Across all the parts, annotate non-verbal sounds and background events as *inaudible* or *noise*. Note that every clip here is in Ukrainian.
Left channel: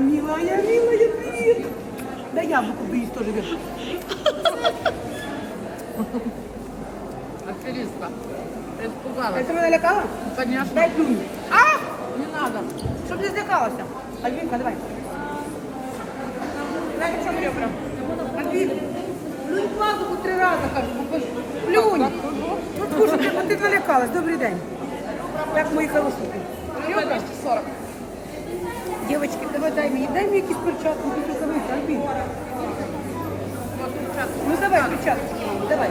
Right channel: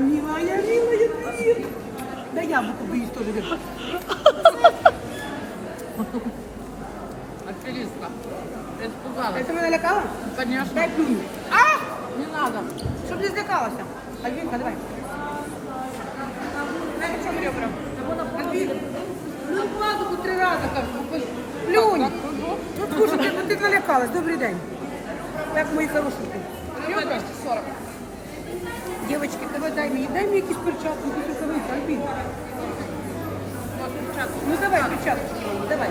милая, милая, привет. Да яблоко боюсь тоже. говорю. Аферистка. Ты испугалась. Это меня налякала? Конечно. Дай плюнь. А! Не надо. Чтоб не злякалась. Альбинка, давай. Дай в чем ребра. Альбин, плюнь в пазуху три раза, кажу. Плюнь. Так, так, ну, Ну, слушайте, ну ти налякалась. Добрий день. Як мої хорошенькі. Ребра 240. Дівчатки, давай дай мені, дай мені якісь перчатки, якісь рукавиці, Альбін. Вот. Ну давай, перчатки, давай.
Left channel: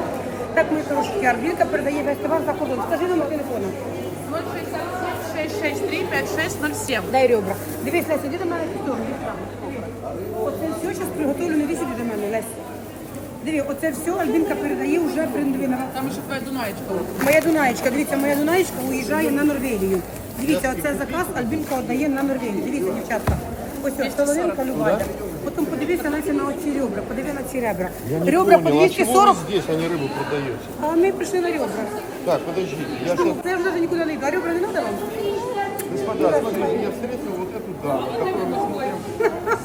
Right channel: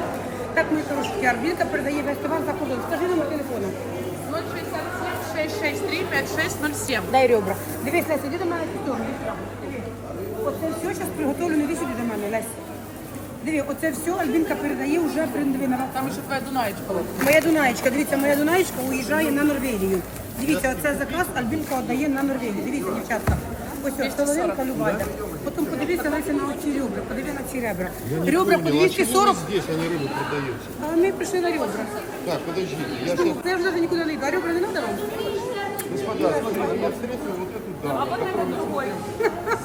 Так, мої хорошенькі, Альбінка передає весь товар за кордон. Скажи номер телефону. 067 663 5607. Дай ребра. Дивись, Леся, іди до мене сторону. Оце все зараз приготовлено, сюди до мене, Леся. Диви, оце все Альбінка передає вже приндивина. Там еще твоя Дунаечка. вот. Моя Дунаєчка, дивіться, моя Дунаєчка уїжджає на Норвегію. Дивіться, оце заказ Альбінка віддає на Норвегію. Дивіться, дівчатка. Ось ось соловинка любая. Потім подивіться Леся на оці ребра, подивіться на ці ребра. Ребра по понял, а 240, здесь, а не рыбу продаете? а ми прийшли на ребра. Так, подождите, я сейчас... Це вже нікуди не йду. А ребра не треба вам? Господа, смотрите, я встретил вот эту даму, которую мы смотрим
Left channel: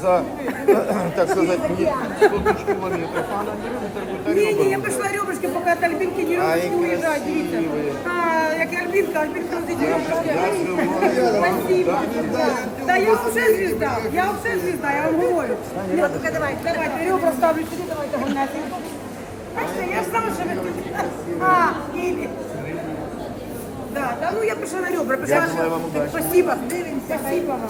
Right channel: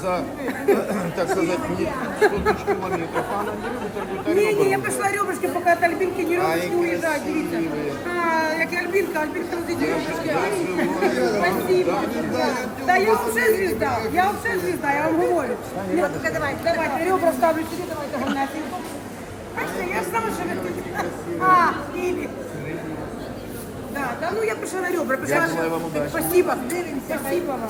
за, *clears throat* так сказать, не 500 тысяч километров, а она не рыбу торгует, а Ні, ні, я ребра. прийшла ребрышки, поки от Альбінки не Ай, ребрышки уїжджають, дивіться. красиві. А, як і Альбінка, Альбінка розить Я ребрышки. живу. Спасибо. Да, я вообще звезда, я вообще звезда, я вам говорю. Нет, только давайте, давайте, ребра ставлю сюди, давайте гамнятинку. Бачите, я ж знала, що ви тут. А, Ілі. Да, да, ну я прийшла на ребра, прийшла. Я желаю вам удачі. Спасибо. Спасибо вам.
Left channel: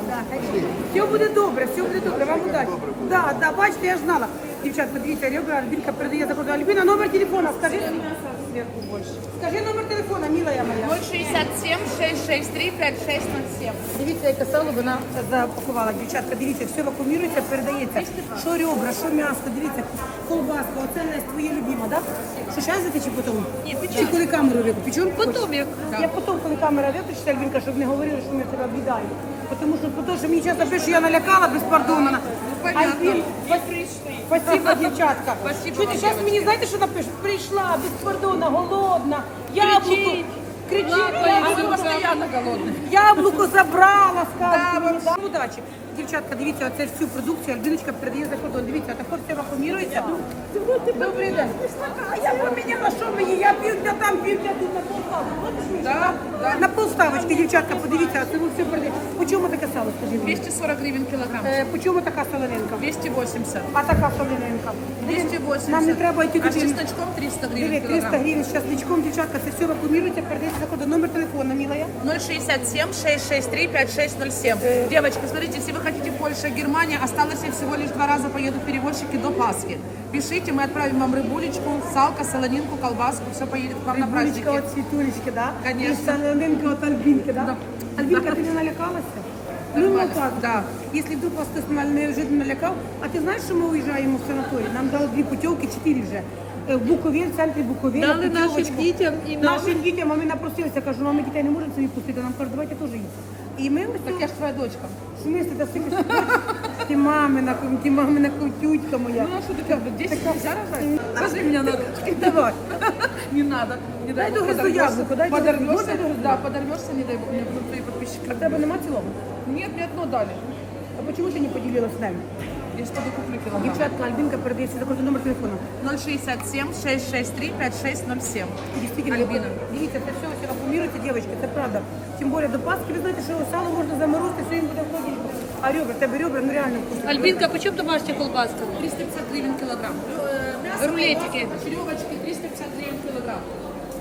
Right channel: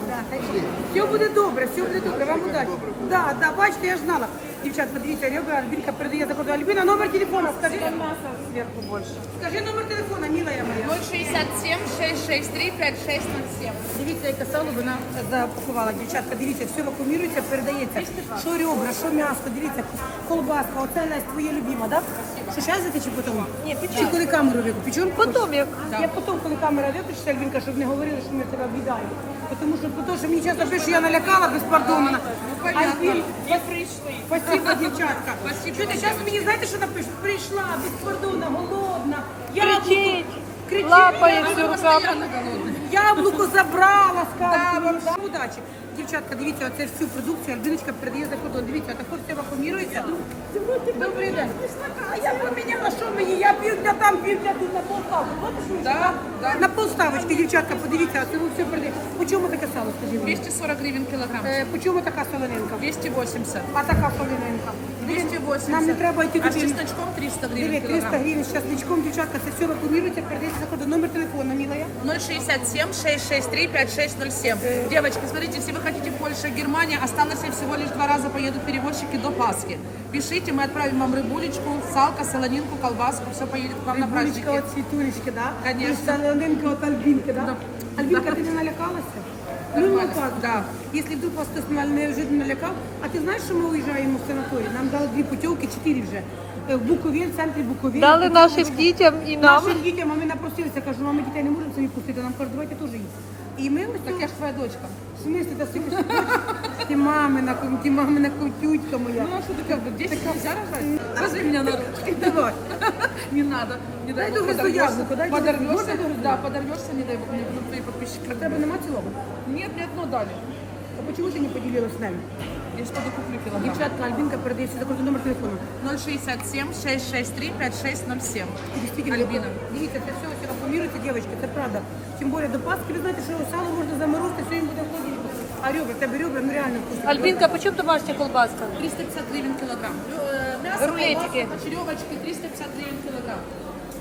Все буде добре, все буде добре, вам удачі. Да, да, бачите, я ж знала. Дівчат, подивіться, ребра, Альбінка передає за кордон. Альбіна, номер телефона, скажи. Сверху больше. Скажи номер телефона, милая моя. 067 663 5607. Дивіться, яке сало вона запакувала. Дівчатка, дивіться, все вакуумірується, передається. Що ребра, що м'ясо, дивіться, колбаска, оце Настя, твоє любима, так? Що зараз чи потім? Ні, печем. Чи коли камеру виключу? Потім, як- Я потім, коли камера виключиться, Альбінка, щоб не говорили, що ми тебе обідаємо. Тому що, тому що мені часто пишуть, що я налякала безпардонно. Альбін, Не прийшли. Спасибо, *laughs* дівчатка. Спасибо Чуєте, вам, зараз мені знаєте, що напишуть? Прийшла, безпардонна, голодна, яблуко. Кричить, Вы яблуко. постоянно голодные. Яблуко забрала, да? Удачі. Дівчатка, дивіться, оце всю продукцію альбиночка передає за кордон. Дивіться, також все вакуумірується. Добрий день. А я поміняла, що мені? Я півдня там, півдня тут на полставку. Вот да. На полставочки, дівчатка, подивіться, це ви все передає. По чому таке сало, скажіть мені? 240 гривен килограмм. Е, По чому така солонинка? 280. А така солонинка? 280. Нам не треба йти А с чесночком 300 Диви, гривен 300 килограмм. гривень з часничком, дівчатка, це все вакуумірується, передається за кордон. Номер телефону, милая. 067 663 5607. Девочки, смотрите, если вы хотите Польша, Германия, осталось и всего лишь два раза поедут перевозчики до Пасхи. Пишите, мы отправим вам рыбулечку, салка, солонинку, колбаску, все поедет к вам на Рибулечка праздники. от цвітулечки, да? Конечно. І солонинка от Альбінки, да? Да. Альбінка, Да. ти не налякалася? Ну, ну так, да. Якщо вдруг вас хтось на- неожиданно налякав, а ти знаєш, що ми уїжджаємо в санаторій? Нам дали дві путівки, чотири вже. В Буковель, в центрі Буковель. Дали нашим дітям і нам. Нашим дітям, а ми напросилися, кажу, мами дітей не можемо собі пустити, нам кажуть, давайте теж їдемо. І ми ось Так тут- я ж твоя дочка. в смислі, та собі ти мамина, ком- ти мамина котютка моя. Ну а что ты как бы 10 нельзя рожать? Возьми меня на ручки. Давай. Не надо. Не дай, Дай бог догрызу подорвешься. яблоко, дай догрызу. подорвешься, Можно догрызу? да, подорвешься, не дай бог, мне будут твои подписчики. А в тебе нема цілого? Нет, мне одно дали. А чому ти не поділилась з нами? Я ж пойду куплю килограмм. Дівчатка, Альбінка передає сюди кордон номер телефону. 067 663 5607. Дійсно, Альбіна. Дивіться, це все ось акумулюється, дівчатки, це правда. Тим більше до Пасхи, ви знаєте, що сало можна заморозити, все їм буде в холодильнику. А ребра, в тебе ребра, ну реально вкусно. Альбінка, по чому домашня колбаска? 350 гривен килограмм. Э, Мясо, Рулетики. черевочки 350 гривен килограмм.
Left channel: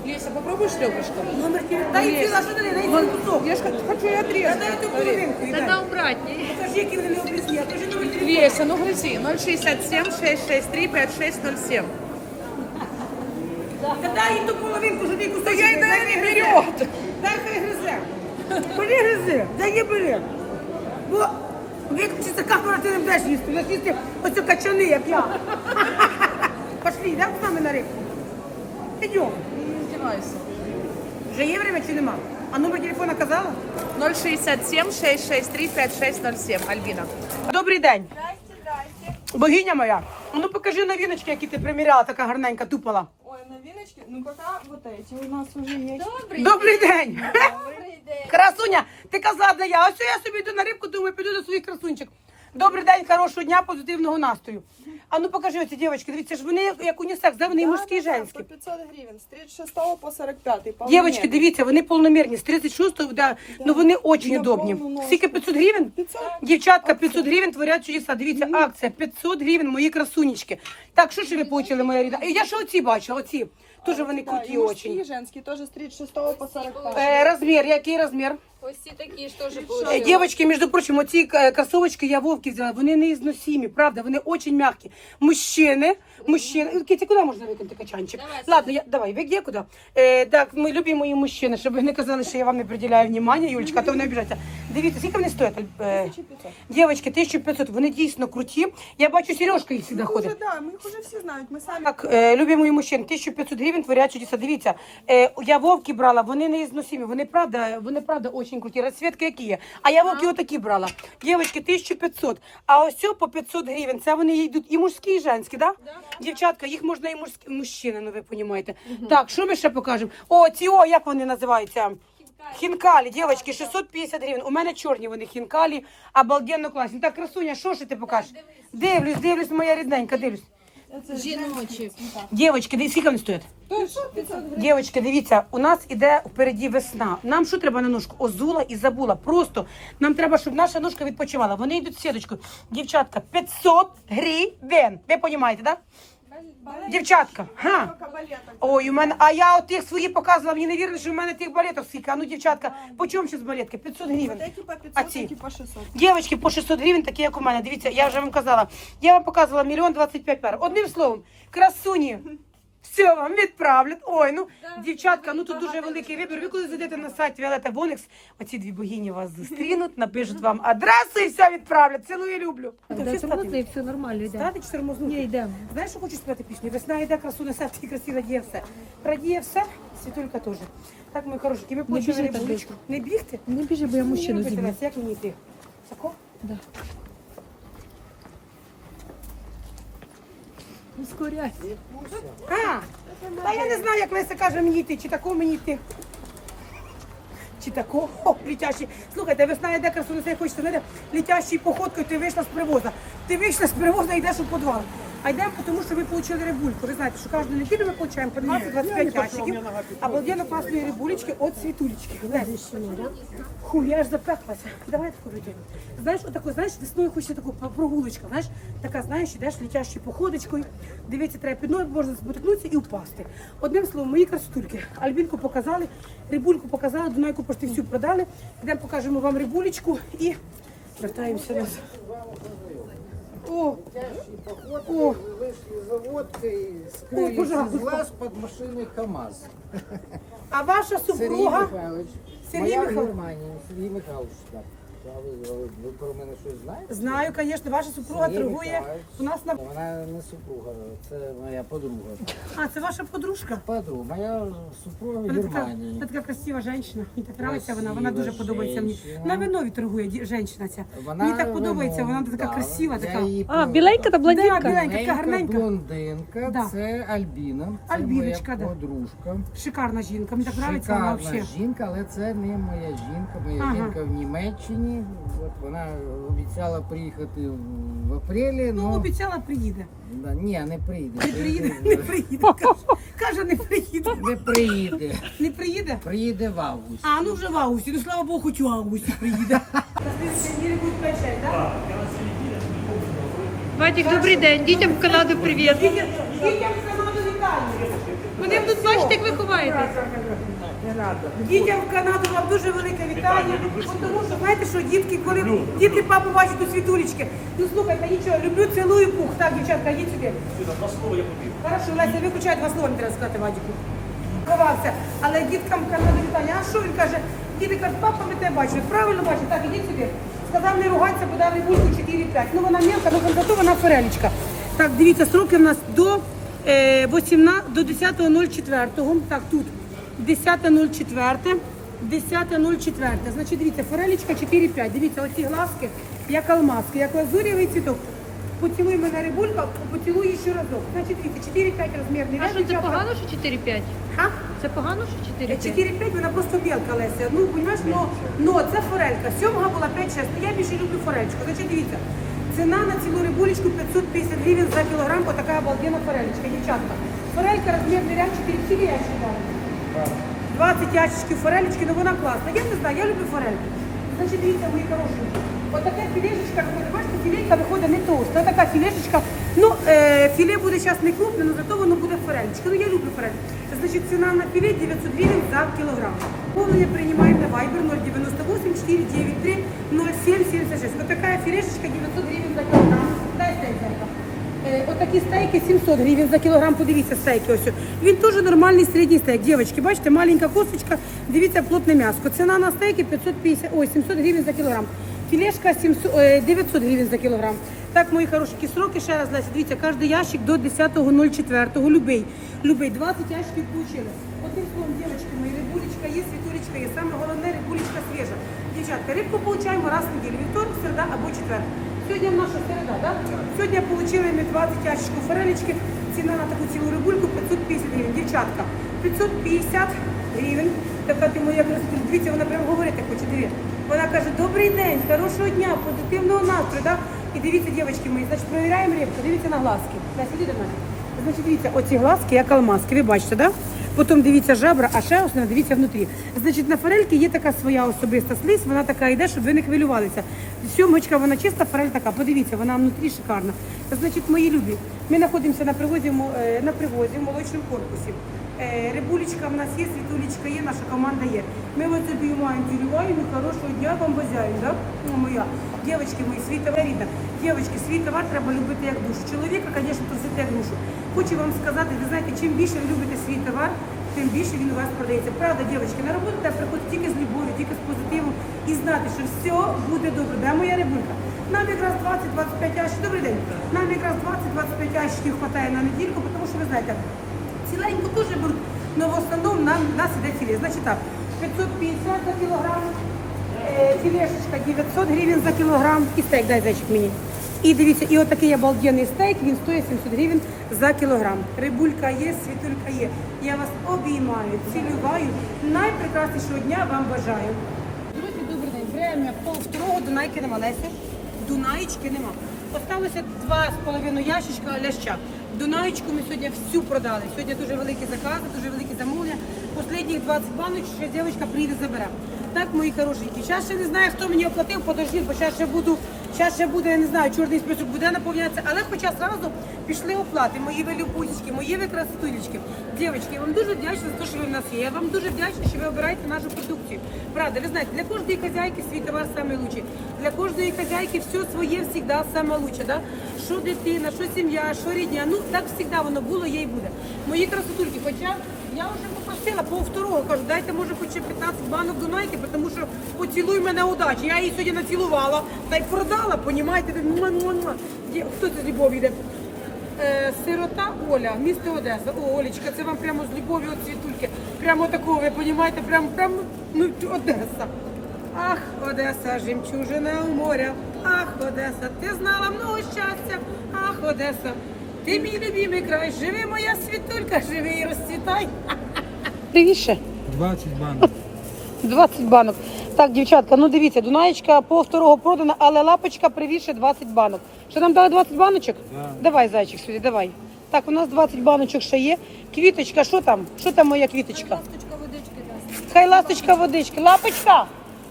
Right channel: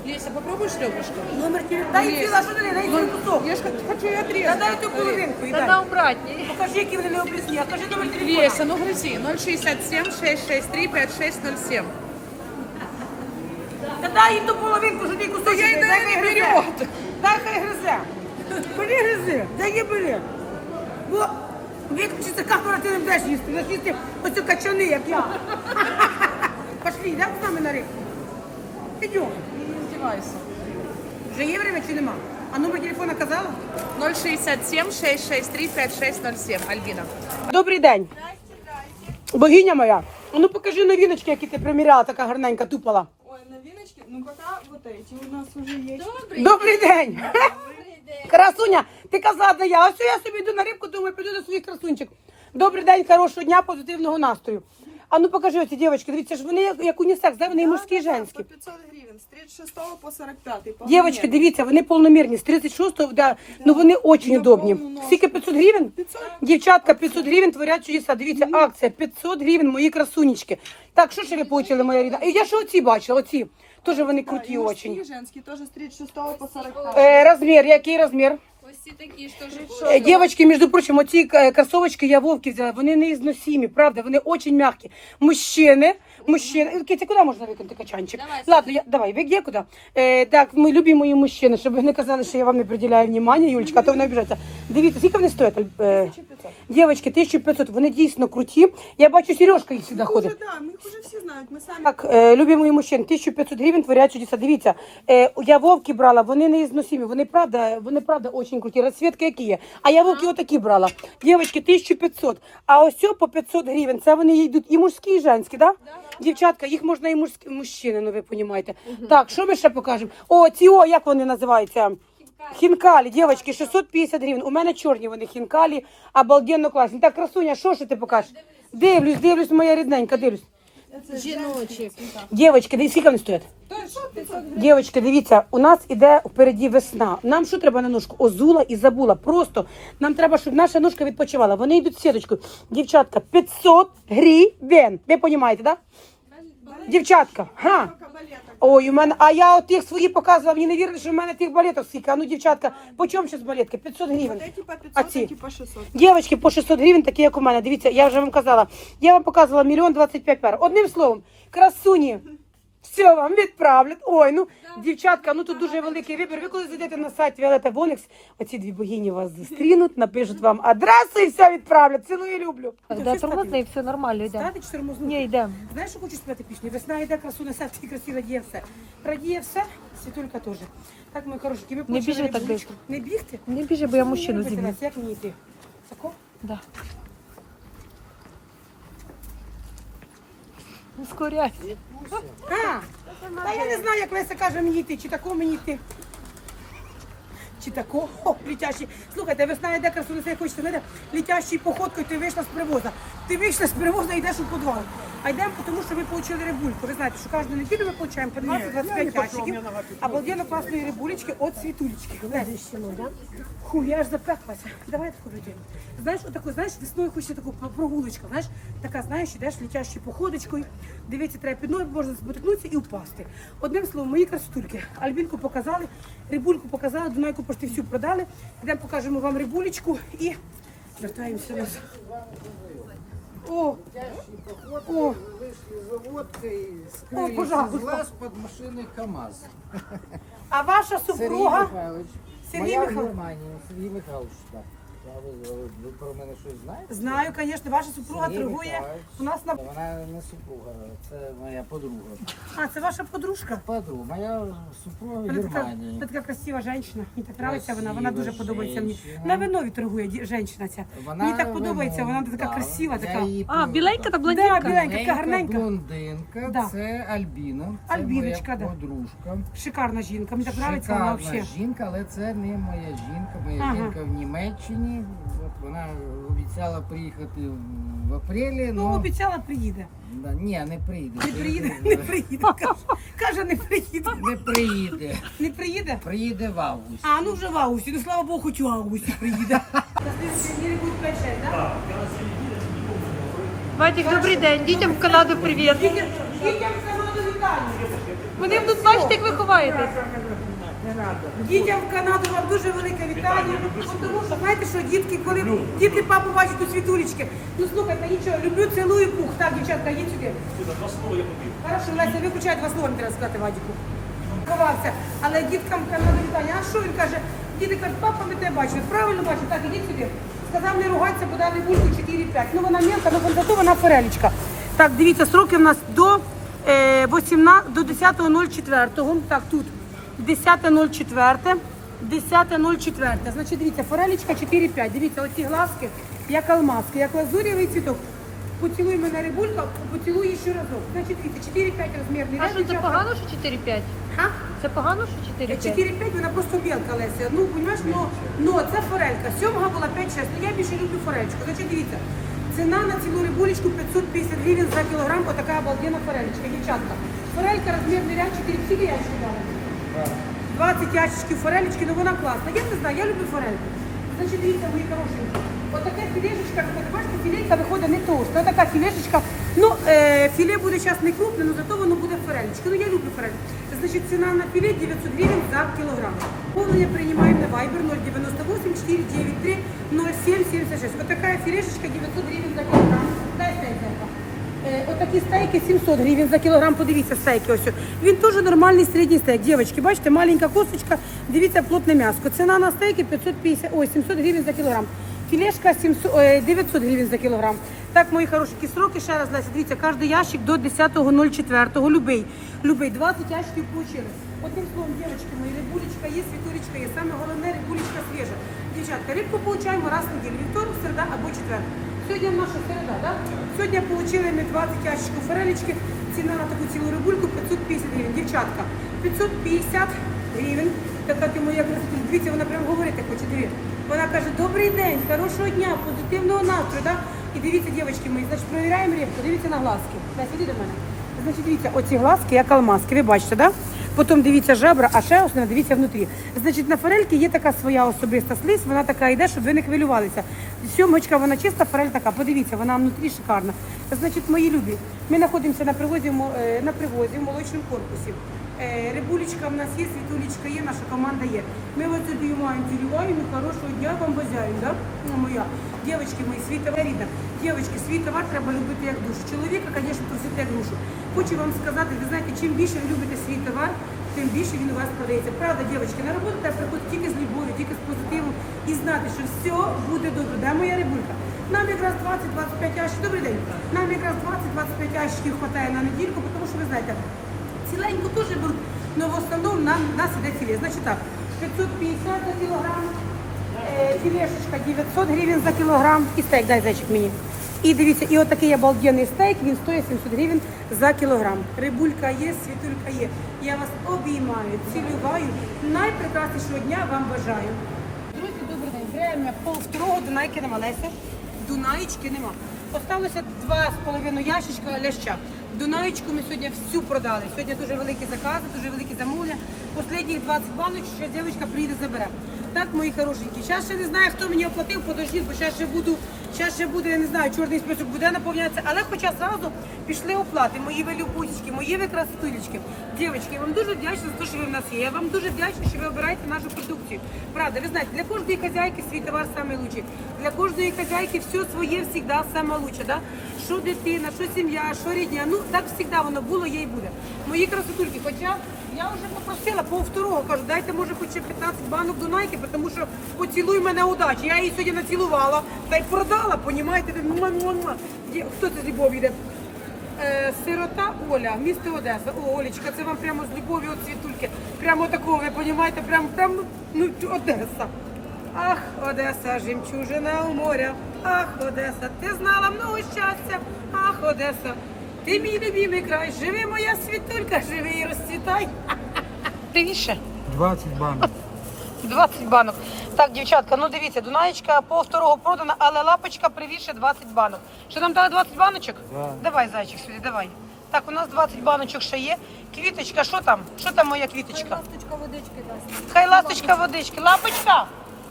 Леся, попробуешь ребрышко? Номер телефону. Дай що ти, дай цілий кусок. Я ж хочу и отрезать. дай цю половинку Та на обратній. Покажи, які вони не облісні, а кажи номер телефону. Леся, ну грызи. 067 663 5607. Та дай їй ту половинку, що ти кусок. я й дай хай гризе. Дай хай гризе. Бери гризи, дай їй бери. Бо виключиться камера, ти не будеш їсти. Будеш їсти оцю качани, як я. *laughs* Пошли, йдемо з нами на рибку. Ідемо. Не. Вже є время чи нема? А номер телефона казала? 067 663 5607. Альбина. Добрий день. Богиня моя. А ну покажи новиночки, які ти приміряла, така гарненька, тупала. Ой, новиночки? Ну пока вот эти у нас уже есть. Добрий день. Красуня, ти казала, де я. Ось я собі йду на рибку, думаю, піду до своїх красунчик. Добрий день, хорошого дня, позитивного настрою. А ну покажи оці дівчатки, дивіться, ж вони як, як унісекс, да? вони і мужські і женські. По 500 гривен, с 36 по 45. Дівчатки, дивіться, вони повномірні, з 36-го, да, ну вони дуже удобні. повну ножку. Скільки 500 гривень? 500. Дівчатка, 500 гривень творять чудеса. Дивіться, акція 500 гривень, мої красунечки. Так, що ще ви получили, моя рідна? І Я ще оці бачила, оці. Теж вони круті и очень. женские, тоже с 36 по 45. Е, розмір, який розмір? Ось ці такі ж теж Е, Дівчатки, між прочим, оці е, кросовочки я вовки взяла, вони не ізносимі, правда, вони дуже м'які. Мужчини, мужчини. Е, куди можна викинути качанчик? Давай, Ладно, я, давай, ви куди? Е, так, ми любі мої мужчини, щоб ви не казали, що я вам не приділяю внимання, Юлечка, а то вони обіжаться. Дивіться, скільки вони стоять? Е, дівчатки, 1500, вони дійсно круті. Я бачу, Сережка їх сюди ходить. уже, да, мы их уже все знают, мы сами. Так, е, любі мої мужчини, 1500 гривень творять чудеса. Дивіться, е, я вовки брала, вони не ізносимі, вони правда, вони правда круті. Розцвітки які є. А я вовки отакі брала. Дівчатки, 1500. А ось цього по 500 гривень. Це вони йдуть і мужські, і женські, да? Дівчатка, їх можна і мужські, мужчини, ну ви розумієте. Так, що ми ще покажемо? О, ці, о, як вони називаються? Хінкалі, дівчатки, 650 гривень. У мене чорні вони хінкалі, обалденно класні. Так, красуня, що ж ти покажеш? Дивлюсь, дивлюсь, моя рідненька, дивлюсь. Жіночі. Дівчатки, дивіться, скільки вони стоять? Дівчатки, дивіться, у нас іде впереді весна. Нам що треба на ножку? Озула і забула. Просто нам треба, щоб наша ножка відпочивала. Вони йдуть сіточкою. Дівчатка, 500 гривень. Ви розумієте, так? Да? Дівчатка, га? Ой, у мене, а я от тих свої показувала, мені не вірили, що в мене тих балеток скільки. А ну, дівчатка, по чому зараз балетки? 500 гривень. Эти по А 500, ці? эти по 600. Дівчатки по 600 гривень, такі як у мене. Дивіться, я вже вам казала. Я вам показувала мільйон 25 пар. Одним словом, красуні. Все, вам відправлять. Ой, ну дівчатка, ну тут дуже великий вибір. Ви коли зайдете на сайт Віолета Бонекс, оці дві богині вас зустрінуть, напишуть вам адресу і все відправлять. Цілую і люблю. Да, тормозний, все нормально йде. Стати чи тормознути? Ні, йдемо. Знаєш, що хочу співати пісню? Весна йде, красу несе, всі красі радіє все. Радіє все, світулька теж. Так, мої хорошенькі, біжи почали так рибулечку. Не бігти? Не біжи, бо я мужчину зіб'ю. Як мені йти? Тако? Да. Ускоряй. А, та я не знаю, як Леся каже мені йти, чи тако мені йти. Чи тако, о, літящий. Слухайте, весна йде красу несе, хочеться, знаєте, літящий походкою, ти вийшла з привоза. Ти вийшла з привоза і йдеш у подвал. А йдемо, тому що ви отримали рибульку. Ви знаєте, що кожну неділю ми отримуємо по 20-25 ящиків. Обалденно класної рибулечки від світулечки. Ху, я аж запеклася. Давай таку робимо. Знаєш, отаку, знаєш, весною хочеться таку прогулочку, знаєш, така, знаєш, ідеш літящою походочкою, дивіться, треба під ноги, можна спотикнутися і впасти. Одним словом, мої красотульки. Альбінку показали, рибульку показали, Дунайку пошти всю продали. Йдемо покажемо вам рибулечку і вертаємося назад. О, о, Вышли за водкой, Ой, скрылись пожалуйста. из глаз под машиной КАМАЗ. а ваша Сергей супруга? Михайлович. Сергій Моя Михайлович. Сергій Михайлович. Ви, про мене щось знаєте? Знаю, звісно, ваша супруга Сергій торгує Михайлович. у нас на. Вона не супруга, це моя подруга. А, це ваша подружка. Подруга. Моя супруга в Вона така, Германії. вона така красива жінка. Мені так подобається вона. Вона Красива дуже подобається мені. женщина. На винові торгує ді- жінка ця. Вона мені так подобається, вона вино- така да, красива, я така. її А, біленька та Да, блондинка? біленька, така гарненька. блондинка, Да. це Альбіна. Це Альбіночка, да. моя подружка. Шикарна жінка. Мені так подобається вона Шикарна взагалі. жінка, але це не моя жінка. Моя Ага. жінка в Німеччині. От вона обіцяла приїхати в апрелі. Ну, Ну, обіцяла, приїде. да, ні, не прийде. Не приїде, не приїде. Каже, каже, не приїде. Не приїде. Не приїде? Приїде в августі. А, ну вже в августі. Ну, слава Богу, хоч у августі приїде. На слідчій неділі будуть 5 так? Вадик, добрий день. Дітям в Канаду привіт. Дітям дітям в Канаду вітання. Вони тут бачите, як ви ховаєтесь. Дітям в Канаду вам дуже велике вітання. Тому що знаєте, що дітки, коли діти папу бачать у світулечки. Ну слухайте, нічого, люблю, цілую пух. Так, дівчатка, йдіть сюди. Два слова я побіг. Хорошо, Леся, виключай два слова, не треба сказати Вадіку. Ховався. Але діткам в Канаду вітання. А що він каже? Діти кажуть, папа, ми тебе бачили. Правильно бачили? Так, ідіть сюди. Сказав не ругатися, бо дали бульку 4-5. Ну вона мелка, ну зато вона форелечка. Так, дивіться, сроки в нас до, е, 18, до 10.04. Так, тут 10.04. 10.04. Значить, дивіться, форелечка 4-5. Дивіться, оці глазки, як алмазки, як лазурєвий цвіток. Поцілуй мене рибулька, поцілуй ще разок. Значить, дивіться, 4-5 розмірний А ряд. що це дівчатка. погано, що 4-5? Ха? Це погано, що 4-5? 4-5, вона просто білка Леся. Ну, розумієш, но, но це форелька. Сьомга була 5-6. Ну я більше люблю форельку. Значить, дивіться, Ціна на цілу рибулечку 550 гривень за кілограм, отака обалденна форелечка, дівчатка. Форелька розмірний ряд 4 скільки ящиків дали? 20 ящичків форелечки, ну вона класна. Я не знаю, я люблю форельку. Значить, дивіться, мої хороші. Отака філешечка, виходить, бачите, філейка виходить не товста, така філешечка. Ну, е, філе буде зараз не крупне, але зато воно буде форелечка. Ну, я люблю форель. Значить, ціна на філе 900 гривень за кілограм. Повнення приймаємо на Viber 098 493 0776. Отака філешечка 900 гривень за кілограм. Дайте, дайте. Е, Отакі стейки 700 гривень за кілограм. Подивіться стейки. Ось. Він теж нормальний середній стейк. Дівчатки, бачите, маленька косточка, дивіться, плотне м'ясо. Ціна на стейки 550, ой, 700 гривень за кілограм. Філешка 700, е, 900 гривень за кілограм. Так, мої хороші сроки, ще раз, Леся, дивіться, кожен ящик до 10.04, любий. Любий, 20 ящиків получили. Одним словом, дівчатки мої, рибулечка є, світулечка є. Саме головне, рибулечка свіжа. Дівчатка, рибку получаємо раз в неділю, вівторок, середа або четвер. Сьогодні наша середа, так? Сьогодні отримали ми 20 ящиків форелечки. Ціна на таку цілу рибульку 550 гривень. Дівчатка, 550 гривень. Така ти моя красота. Дивіться, вона прямо говорити хоче. Диві. Вона каже, добрий день, хорошого дня, позитивного настрою. Да? І дивіться, дівчатки мої, значить, перевіряємо рибку, дивіться на глазки. Леся, іди до мене. Значить, дивіться, оці глазки, як алмазки, ви бачите, да? Потім дивіться жабра, а ще основне дивіться внутрі. Значить, на форельки є така своя особиста слизь, вона така йде, щоб ви не хвилювалися. Сьомочка, вона чиста, форель така. Подивіться, вона внутрі шикарна. Значить, мої любі, ми знаходимося на привозі, е, на привозі в молочному корпусі. Е, Рибулечка в нас є, світулечка є, наша команда є. Ми ось сюди маємо хорошого дня вам бажаємо, да? Ну, моя. Дівчатки мої, свій товар рідна. Дівчатки, свій товар треба любити як душу. Чоловіка, звісно, просити як душу. Хочу вам сказати, ви знаєте, чим більше ви любите свій товар, тим більше він у вас продається. Правда, дівчатки, на роботу треба приходити тільки з любов'ю, тільки з позитивом і знати, що все буде добре. Де моя рибулька? Нам якраз 20-25 ящиків. Добрий день. Нам якраз 20-25 ящиків вистачає на недільку, тому що ви знаєте, ціленьку теж беруть, але в основному нам, нас іде філе. Значить так, 550 за кілограм, е, філешечка 900 гривень за кілограм і стейк, дай зайчик мені. І дивіться, і отакий обалденний стейк, він стоїть 700 гривень за кілограм. Рибулька є, світулька є. Я вас обіймаю, цілюваю. Найпрекраснішого дня вам бажаю. Друзі, добрий день. Время пол второго Дунайки нема. Леся? Дунаєчки нема. Осталося два з половиною ящичка ляща. Дунаєчку ми сьогодні всю продали. Сьогодні дуже великі закази, дуже великі замовлення. Останніх 20 банок ще дівчинка приїде забере. Так, мої хорошенькі. Зараз ще не знаю, хто мені оплатив, подождіть, бо зараз ще буду, зараз ще буде, я не знаю, чорний список буде наповнятися. Але хоча зразу пішли оплати, мої ви мої ви красотулечки. Дівчатки, я вам дуже вдячна за те, що ви в нас є. Я вам дуже вдячна, що ви обираєте нашу продукцію. Правда, ви знаєте, для кожної хазяйки свій товар лучший. Для кожної хазяйки все своє завжди лучше. Да? Що дитина, що сім'я, що рідня. Ну так завжди воно було, є і буде. Мої красотульки, хоча я вже попросила по второго, кажу, дайте може хоч ще 15 банок Дунайки, тому що поцілуй мене удачі. Я її сьогодні націлувала та й продала, понімаєте? Муа-муа-муа. Хто це з любов'ю йде? Е, Сирота Оля, місто Одеса. О, Олечка, це вам прямо з любов'ю от світульки. Прямо такого, ви розумієте, прямо, прямо ну, Одеса. Ах, Одеса, жемчужина у моря. Ах, Одеса, ти знала много щастя. Ах, Одеса, ти мій любимий край. Живи моя світулька, живи і розцвітай. *laughs* Привіше. 20 банок. 20 банок. Так, дівчатка, ну дивіться, Дунаєчка по второго продана, але лапочка привіше 20 банок. Що нам дали 20 баночок? Да. Давай, зайчик, сюди, давай. Так, у нас 20 баночок ще є. Квіточка, що там? Що там моя квіточка? Ласточка водички дасть. Хай ласточка водички. Лапочка!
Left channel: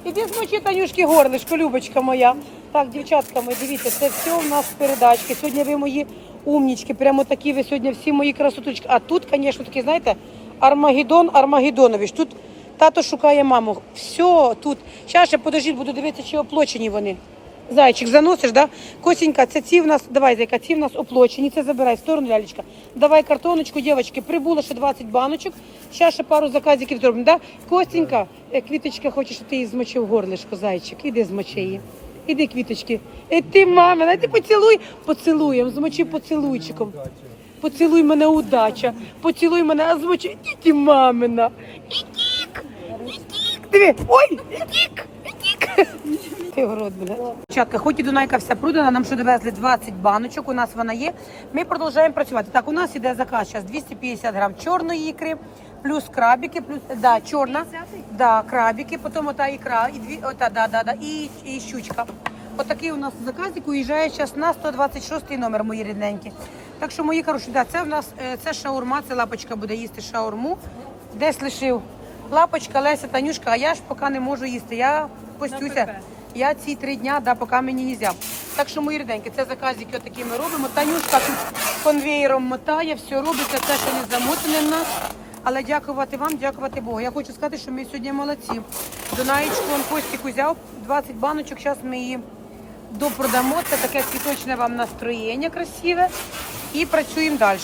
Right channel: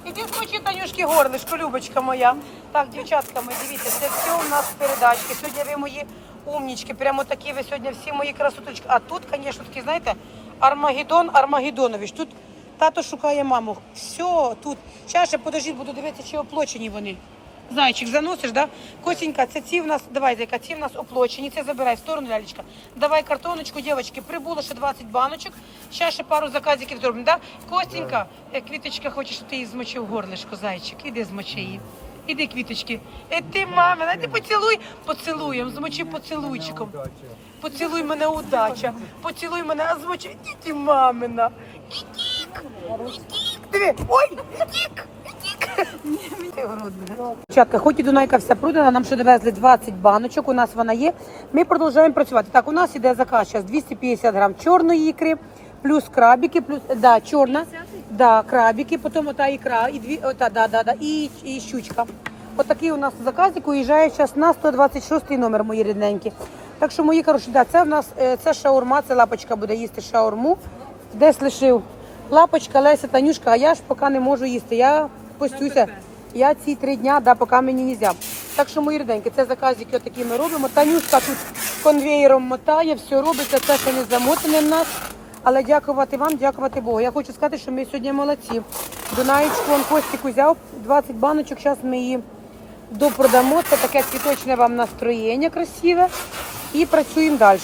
Іди змочи Танюшки горлишко, Любочка моя. Так, дівчатка мої, дивіться, це все у нас передачки. Сьогодні ви мої умнічки, прямо такі ви сьогодні всі мої красоточки. А тут, звісно, такі, знаєте, Армагеддон Армагеддонович. Тут тато шукає маму. Все тут. Зараз ще подождіть, буду дивитися, чи оплочені вони. Зайчик, заносиш, да? Косінька, це ці в нас, давай, зайка, ці в нас оплочені, це забирай в сторону, лялечка. Давай картоночку, дівчатки, прибуло ще 20 баночок, ще ще пару заказиків зробимо, да? Костенька, е, квіточка хоче, щоб ти її змочив горлишко, зайчик, іди змочи її. Іди, квіточки. І ти, мамина, ти поцілуй, поцілуєм, змочи поцілуйчиком. Поцілуй мене, удача. Поцілуй мене, а змочи, діті мамина. Ой. Ти в рот буде. Дівчатка, хоч і Дунайка вся продана, нам що довезли 20 баночок, у нас вона є. Ми продовжуємо працювати. Так, у нас іде заказ зараз 250 грам чорної ікри, плюс крабики, плюс, да, чорна, да, крабики, потім ота ікра, і дві, ота, да, да, да, і, і щучка. Отакий у нас заказик уїжджає зараз на 126 номер, мої рідненькі. Так що, мої хороші, да, це в нас е, це шаурма, це лапочка буде їсти шаурму. Десь лишив лапочка, Леся, Танюшка, а я ж поки не можу їсти. Я постюся. Я ці три дня, да, поки мені не можна. Так що, мої рідненькі, це заказики отакі ми робимо. Танюшка тут конвеєром мотає, все робиться, все, що не замотане в нас. Але дякувати вам, дякувати Богу. Я хочу сказати, що ми сьогодні молодці. Дунаєчку он Костік узяв 20 баночок, зараз ми її допродамо. Це таке цвіточне вам настроєння красиве. І працюємо далі.